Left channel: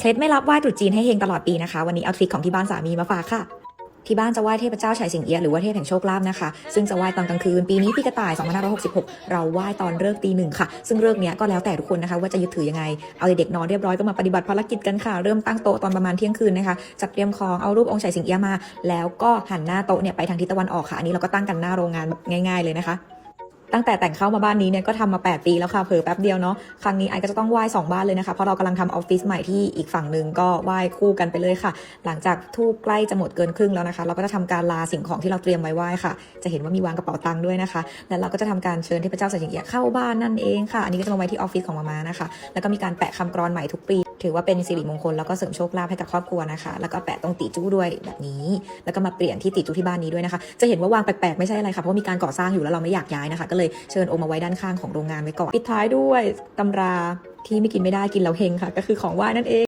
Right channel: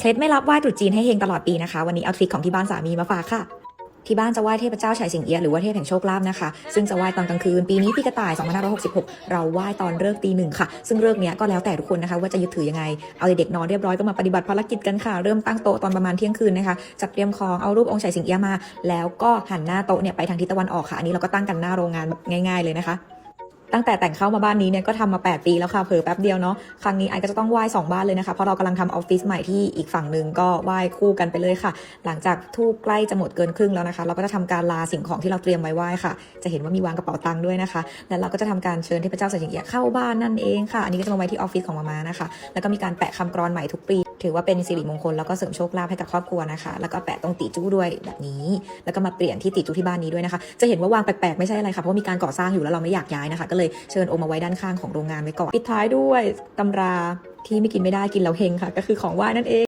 เคล็ดไม่รับไหว้ตรุษจีนให้เฮงตลอดปีนะคะ วันนี้เอาทริคของที่บ้านสามีมาฝากค่ะ ที่บ้านจะไหว้เทพเจ้าฉายสิงเอียหรือว่าเทพแห่งโชคลาภนะคะ ซึ่งจะไหว้ตอนกลางคืน ปีนี้พี่กระต่าย2566 เราไหว้ตอนเลิกตีหนึ่งค่ะ ซึ่งเลิกเนี้ก็แล้วแต่ทุกคนนะคะ ว่าจะยึดถือยังไง เอาเด็กนอนเรียบร้อยก็มาปฏิบัติภารกิจกันค่ะ เริ่มตั้งโต๊ะตอนประมาณเที่ยงคืนนะคะ จัดเตรียมของ เอารูปองค์ฉายสิงเอียมา แล้วก็หันหน้าโต๊ะเนี่ยไปทางทิศตะวันออกค่ะ อันนี้เราก็ตั้งกันหน้าโรงงานแบบง่าย ๆเลยนะคะ ตั้งแต่แต่งเข้ามาบ้านนี้เนี่ยก็ทำมา 8 ปีแล้วค่ะเผยแป๊บเดียวเนาะครั้งนี้ไอก็จะต้องไหว้สองบ้านเลยนะคะเพราะเรากำลังทำออฟฟิศใหม่ที่อีกฝั่งหนึ่งก็ไหว้คู่กันไปเลยค่ะ หลังจากทูบใกล้จะหมดเกินครึ่งแล้วนะคะ เราก็จะทำการลาสิ่งของที่เราเตรียมไว้ไหว้ค่ะ จะเห็นว่ามีวางกระเป๋าตังค์ด้วยนะคะ แล้วเราก็จะทำการเชิญเทพเจ้าสายสิงเอียะเข้าบ้านนั่นเองค่ะ อันนี้ก็จะลงไว้ที่ออฟฟิศของมาม่านะคะ แล้วก็มีการแปะคำกรอนใหม่ทุกปี ถือว่าเป็นสิริมงคลแล้วก็เสริมโชคลาภให้กับครอบครัวนะคะ แล้วก็แปะตรงตีจู้ด้วยแบบนี้ แล้วก็มาเปลี่ยนที่ตีจู้ที่บ้านนี้ด้วยนะคะ จะเห็นว่าวางแปลกๆไม่ใช่อะไรค่ะเพราะมีการก่อสร้างอยู่แล้วเราไม่อยากย้ายนะคะก็เลยเชิญโอมมาไว้ด้านข้างของโรงงานไว้ก่อน ปิดท้ายด้วยตำราที่ไม่กินไม่ได้กินแล้วเฮงค่ะ ก็คือของว่านั่นเอง